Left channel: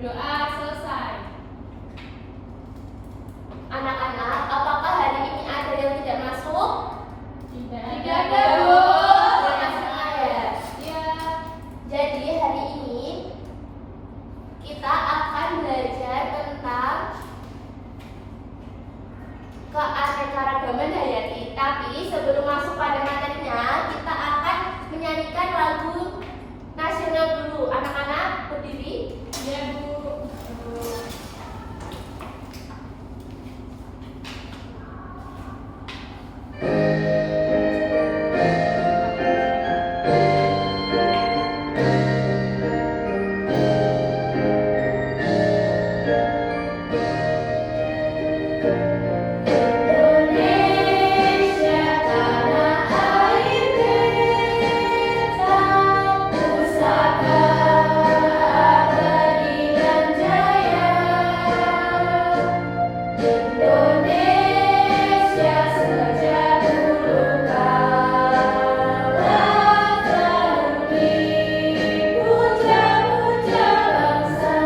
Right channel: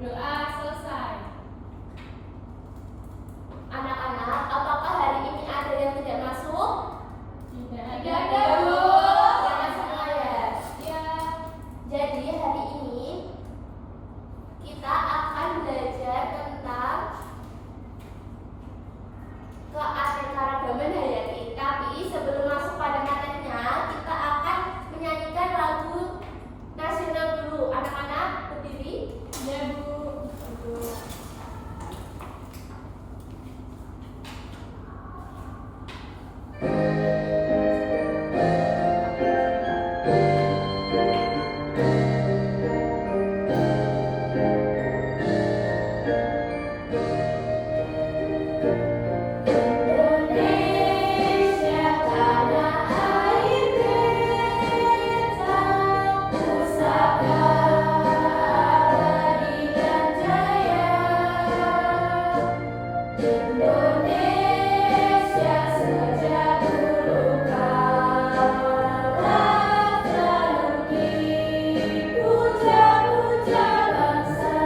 Doa selesai. Anak-anak, apakah hari ini ada yang tidak masuk? Tidak Tidak ada, ada, Bu. Sama semua ya. Ya. Jadi hari ini kita akan belajar tentang keanekaragaman hayati. Tapi sebelum masuk pada materinya, kita akan menyanyikan lagu nasional dulu. Anak-anak berdiri. Ya, Bu. Indonesia tanah air beta, pusaka abadi dan jaya. Indonesia sejak dulu kala selalu dipuja-puja bangsa.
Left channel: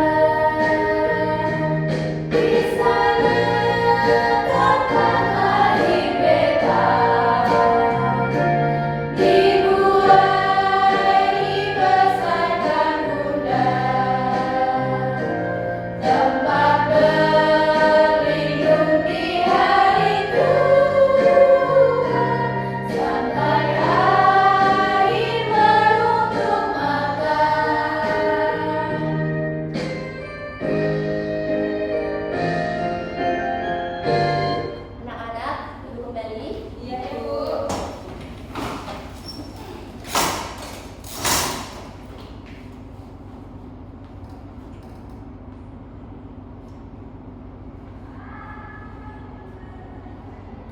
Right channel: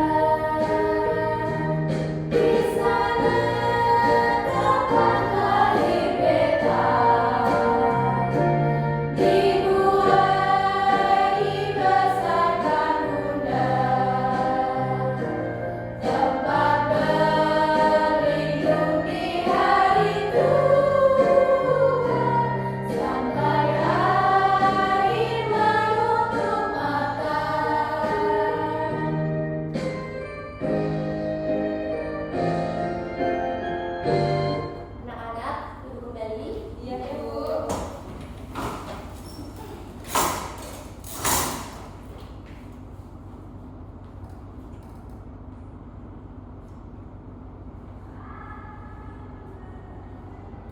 Di sana tempat lahir beta, dimulai dibesarkan bunda, tempat berlindung di hari tua, sampai air menutup mata. Anak-anak, duduk kembali. Iya, Bu.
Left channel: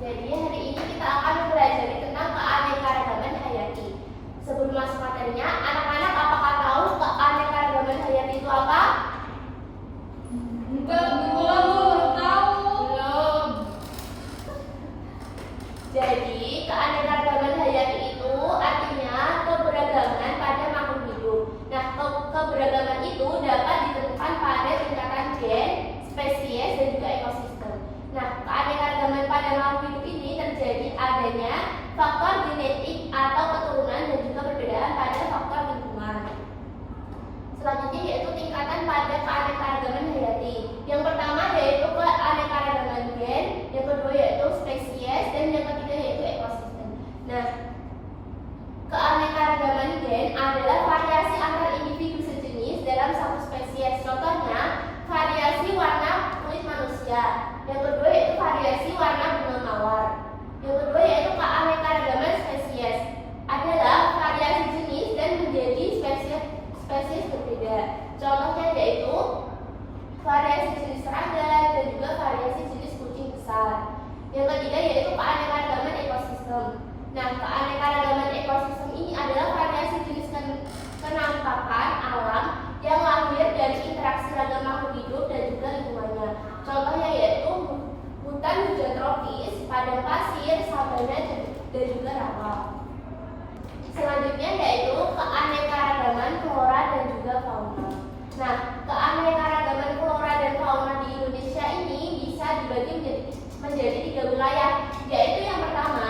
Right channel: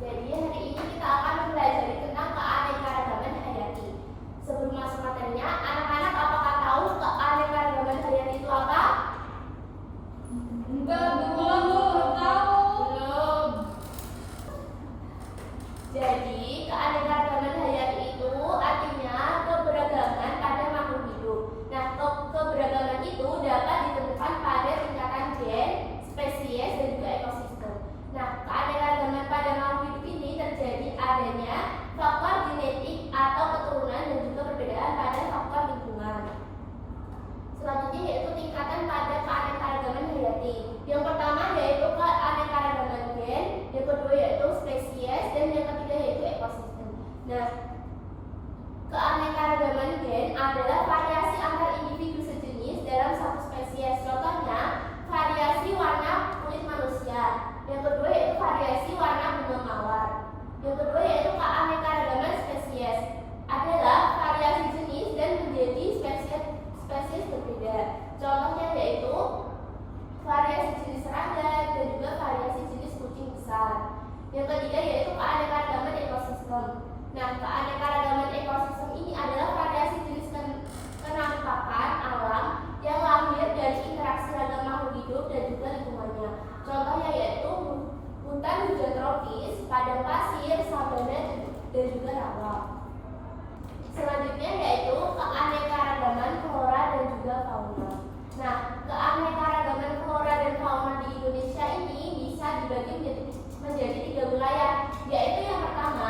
Jadi hari ini kita akan mempelajari tentang keanekaragaman hayati. Sebelum masuk materinya, anak-anak apakah tahu keanekaragaman hayati itu apa? Enggak, Bu. Belum tahu. Belum. Jadi keanekaragaman hayati itu artinya keberagaman pada makhluk hidup. Nah, keberagaman itu dapat ditemukan pada tingkatan gen, spesies, dan juga ekosistem. Nah, keanekaragaman pada makhluk hidup ini terjadi adanya faktor genetik atau keturunan dan juga perbedaan pada faktor lingkungan. Selanjutnya yaitu tingkatan pada keanekaragaman hayati. Yang pertama yaitu keanekaragaman gen, yang kedua yaitu spesies, dan yang ketiga yaitu ekosistem. Nah, keanekaragaman gen adalah variasi antar individu sejenis dalam satu spesies. Contohnya, variasi warna kulit manusia. Yang kedua yaitu variasi warna bunga mawar. Yang kedua yaitu keanekaragaman spesies adalah variasi jenis dan menjadi spesies berbeda. Contohnya yaitu variasi jenis serangga dan juga variasi jenis kucing besar. Yang ketiga yaitu keanekaragaman ekosistem. Nah, keanekaragaman ekosistem ini adalah variasi jenis kenampakan alam yang lahir dari interaksi ragam makhluk hidup dan juga lingkungannya. Contohnya yaitu hutan hujan tropis, padang pasir, sabana, dan juga rawa. Selanjutnya yaitu keanekaragaman flora dan juga fauna. Nah, keanekaragaman flora dan fauna di Indonesia ini bisa dibagi menjadi 3 wilayah, yaitu yang pertama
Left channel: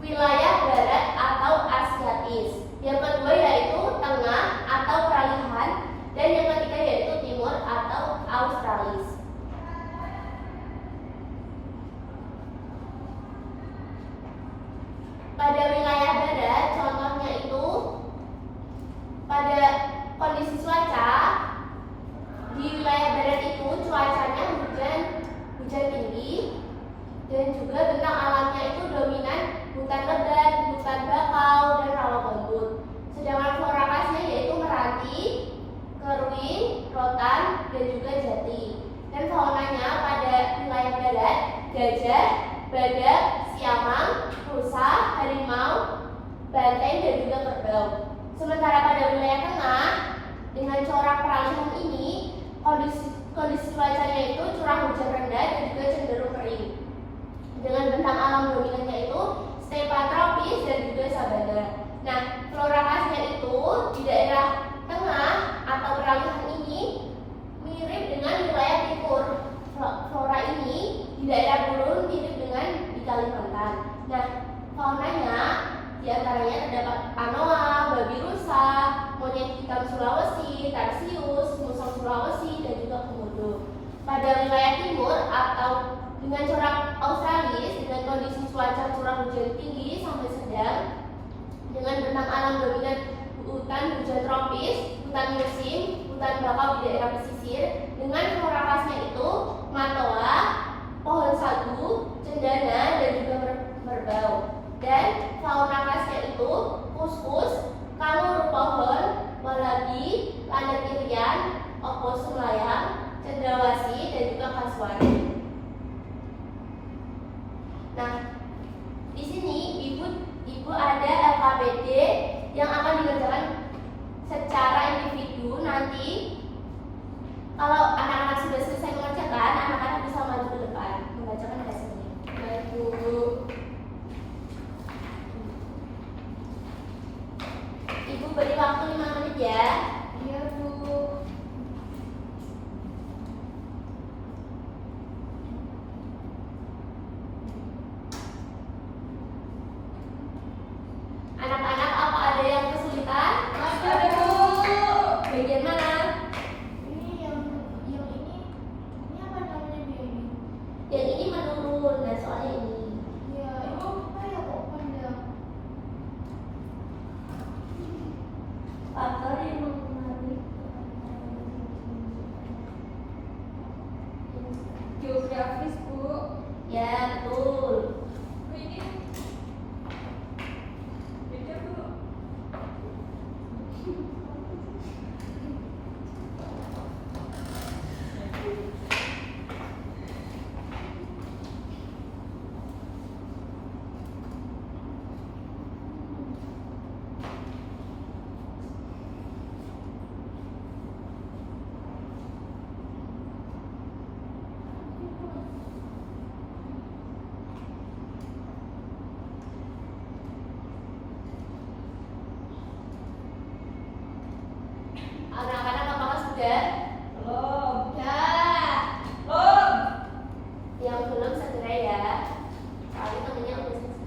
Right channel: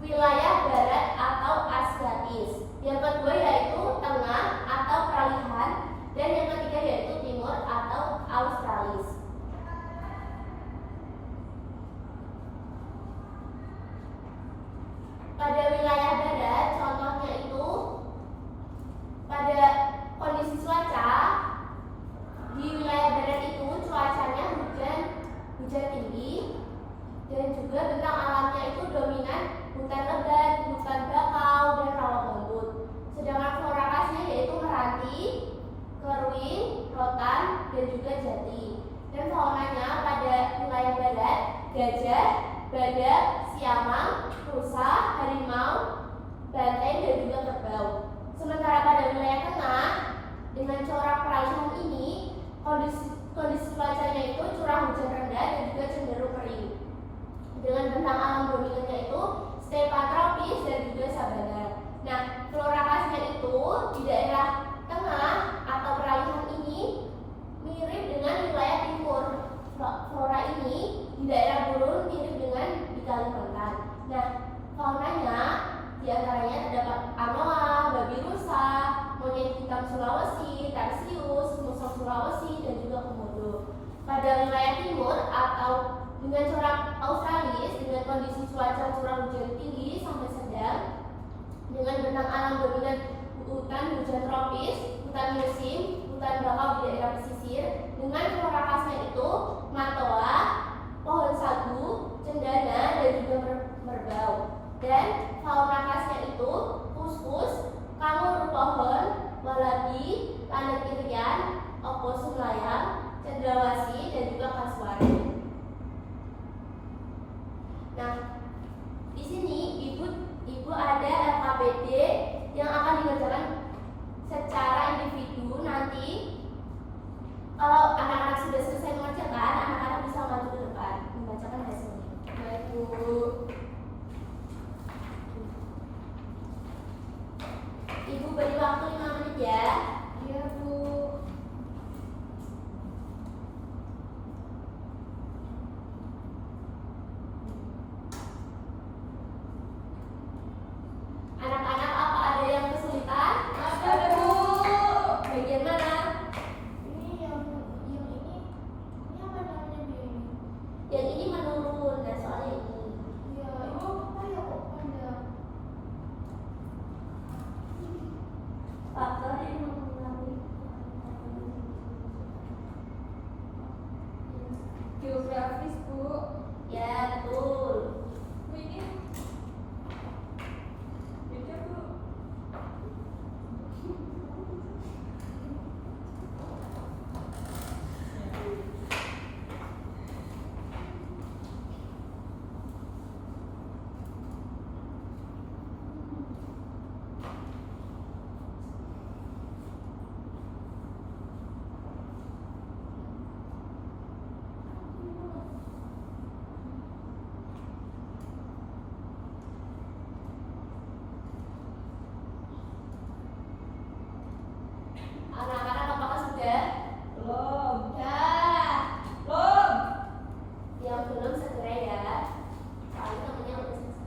wilayah barat atau Asiatis, yang kedua yaitu tengah atau peralihan, dan yang ketiga yaitu timur atau Australis. Pada wilayah barat, contohnya itu pada kondisi cuaca di wilayah barat itu cuacanya hujan tinggi, dan juga bentang alamnya itu dominan hutan lebat, hutan bakau, dan rawa gambut. Sedangkan flora khasnya yaitu meranti, keruing, rotan, dan juga jati. Dan faunanya pada wilayah barat gajah, badak, siamang, rusa, harimau, banteng, dan juga kerbau. Sementara pada wilayah tengah dengan corak peralihan ini kondisi cuacanya itu curah hujan rendah dan juga cenderung kering. Dengan bentang alam dominannya itu stepa tropis dan juga sabana. Nah, flora khasnya itu di daerah tengah atau peralihan ini Sulawesi, Tarsius, Musang Sulawesi, dan juga Komodo. Pada wilayah timur atau dengan corak australis dengan kondisi cuaca curah hujan tinggi sampai sedang, dengan bentang alam dominan hutan hujan tropis, hutan musim, hutan bakau di daerah pesisir, dengan flora khasnya itu matoa, pohon sagu, cendana, dan juga merbau. Dan fauna khasnya itu kuskus, kangur pohon, walabi, landak irian, oposum layang, cendrawasih, dan juga kasuari. Nah, di sini ibu ada LKPD yang akan dikerjakan secara individu. Nanti kalau anak-anak sudah selesai mengerjakan, anak-anak bisa maju ke depan membacakan hasilnya. Baik, Bu. Ibu beri waktu 5 menit ya. Iya, Bu. Anak-anak, apa ada yang kesulitan? Ada, Bu. Bagian mana? Ini yang ini apa namanya dia ini? Yang ini menurun, dan soalnya ini. Ya, ibu apa ya kok pandang? Faktor yang mempengaruhi Geografis, Bu. ya, betul. Bu, ini beda, Bu. Anak-anak apakah sudah? Belum. Sudah. Belum. Yang belum segera ya. Soalnya temennya udah selesai.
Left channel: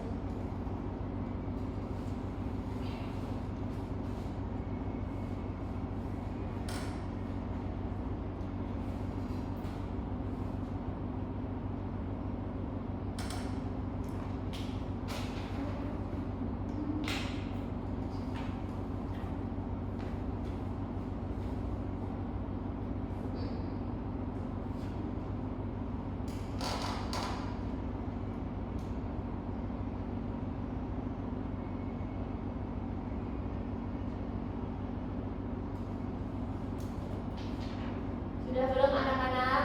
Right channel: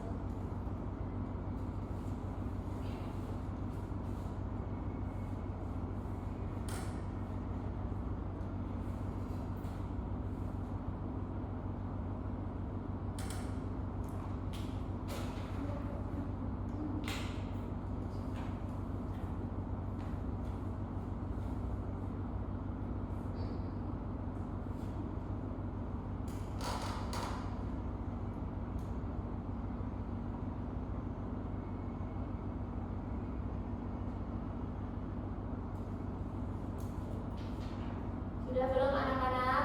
Sudah belum anak-anak?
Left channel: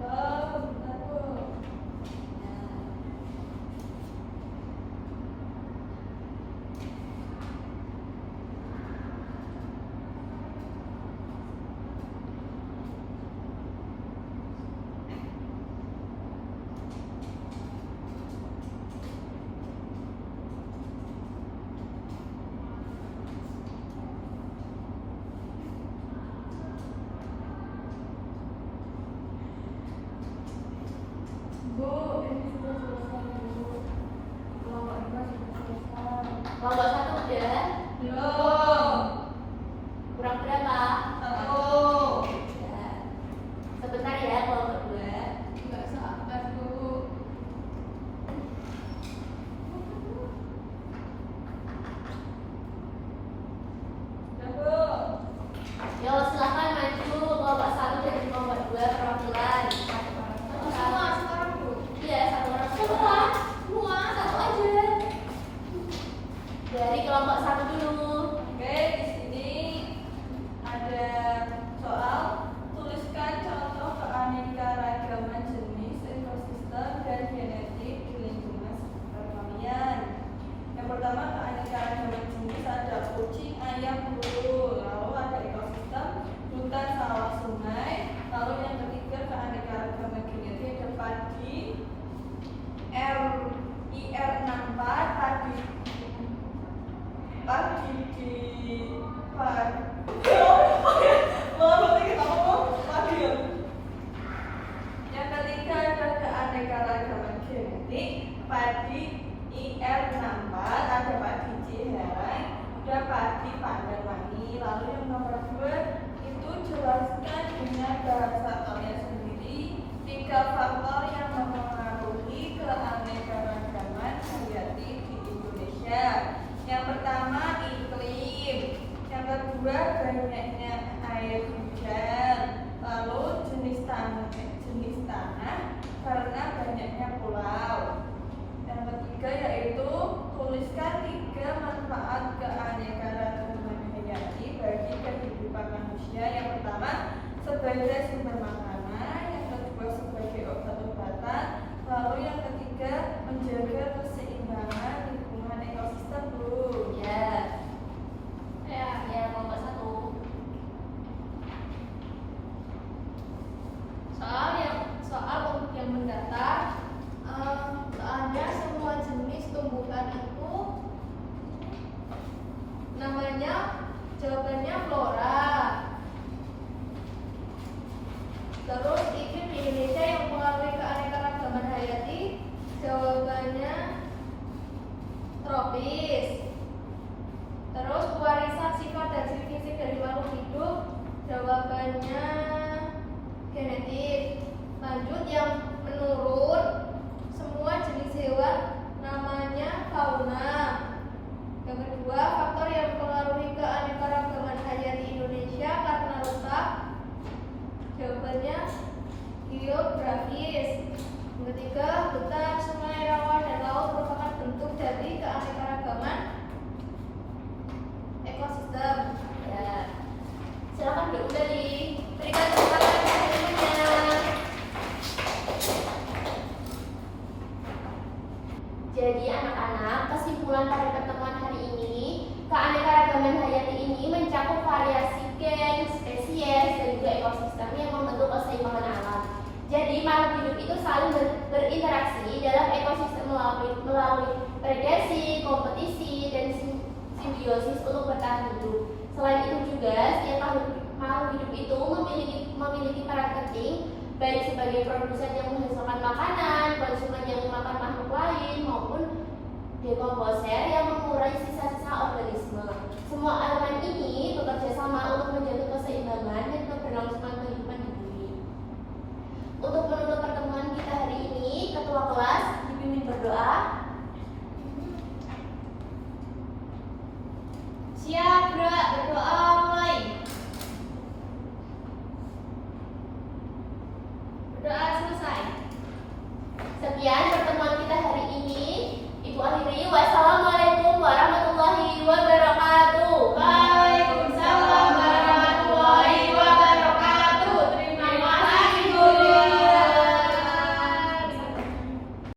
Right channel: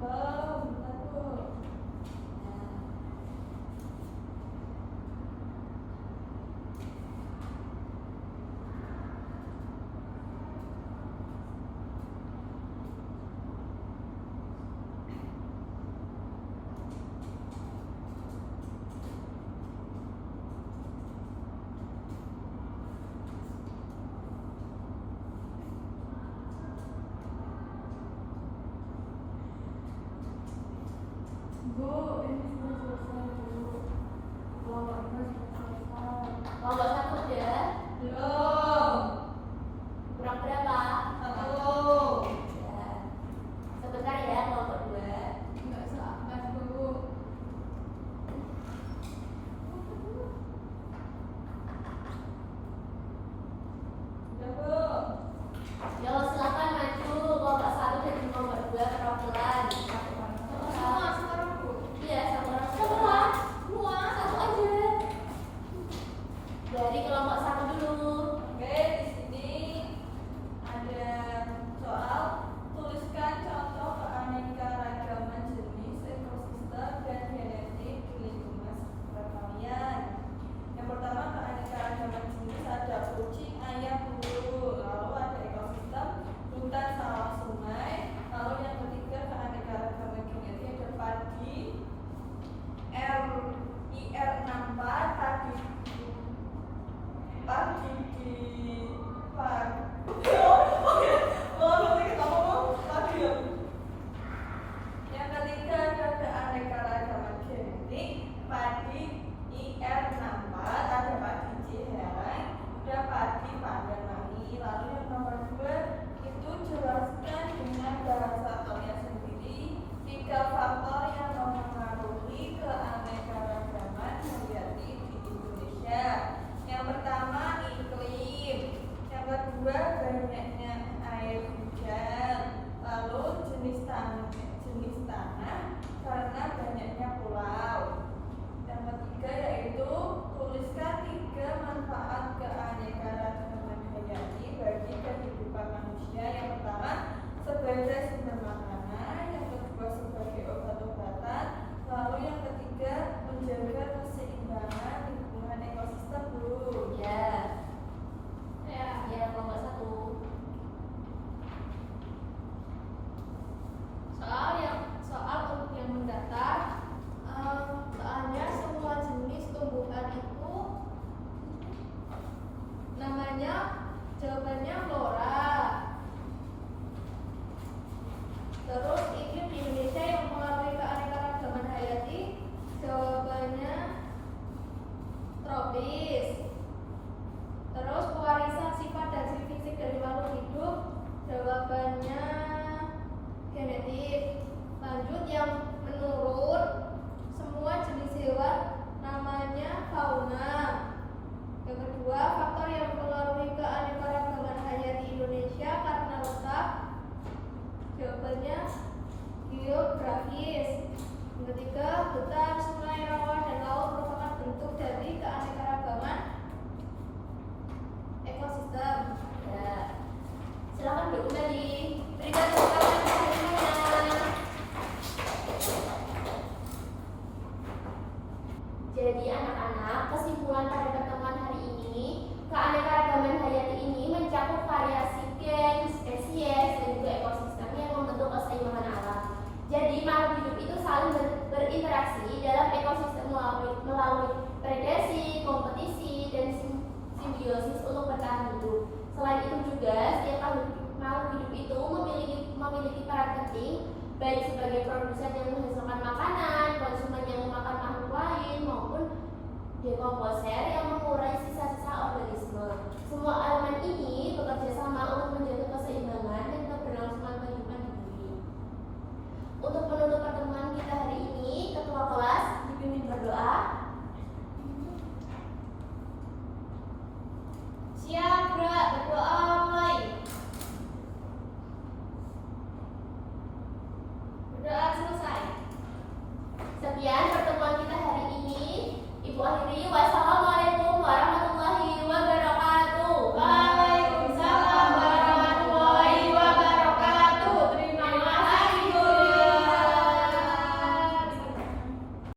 Belum. Bentar, Bu. berinteraksi dalam ekosistem melalui predasi, kompetisi, dan simbiosis untuk bertahan hidup. Selain itu juga, setiap makhluk hidup itu memiliki peran penting, baik sebagai produsen yang menghasilkan makanan, konsumen yang memakan makhluk lain, maupun dekomposer yang mengurai sisa-sisa organisme.